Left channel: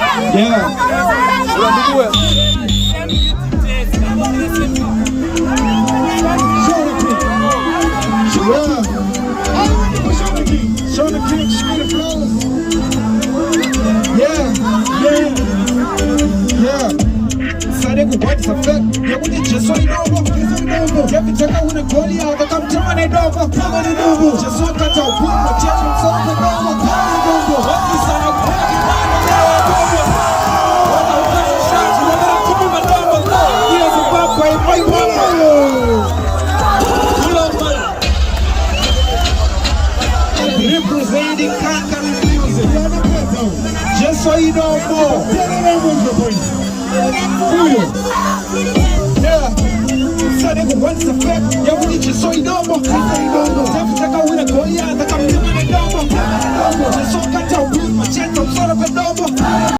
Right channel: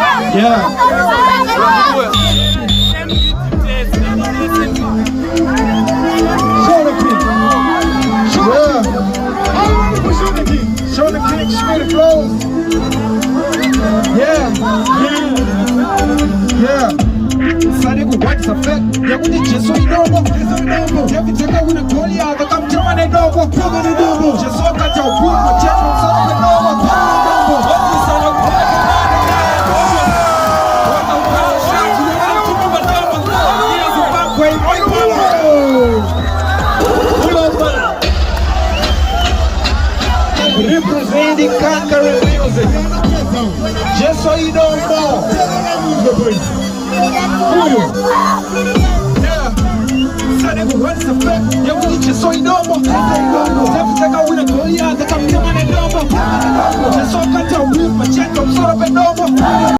Yeah. Show the kick, spin the flows. Yeah. Sadiku white effect. Yeah, we did just so you know. Yeah, we take out with a goalie out. Come to my door. Just so that you put the check on some of the representing Kankara music. Just so you know more. Yeah. Sadiku white effect. Yeah, we did just so you know more. Yeah, we take out with a goalie out. Come to my door. Just so that you put the check on some of the